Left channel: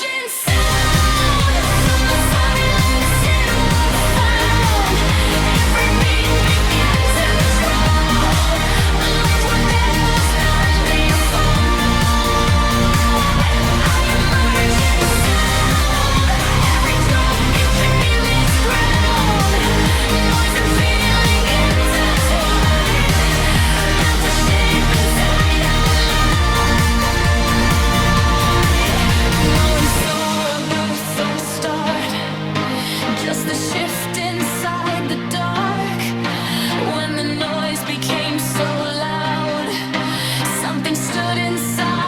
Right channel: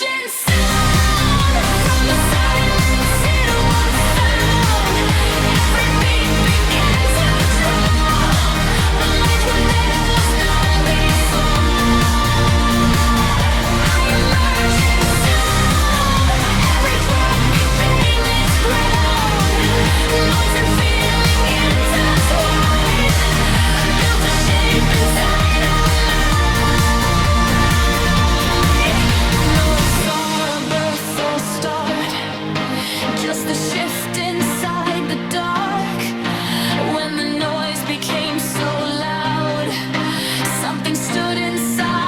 emergent sound. From the silence it was found. Every beat began to draw. The lights were there, was none before. I emergent sound. Every drop became its ground. Noise and feeling intertwined, built a shape inside our mind. No one saw a birth or start, just the shift inside the dark. When the noise became so loud, something stood inside.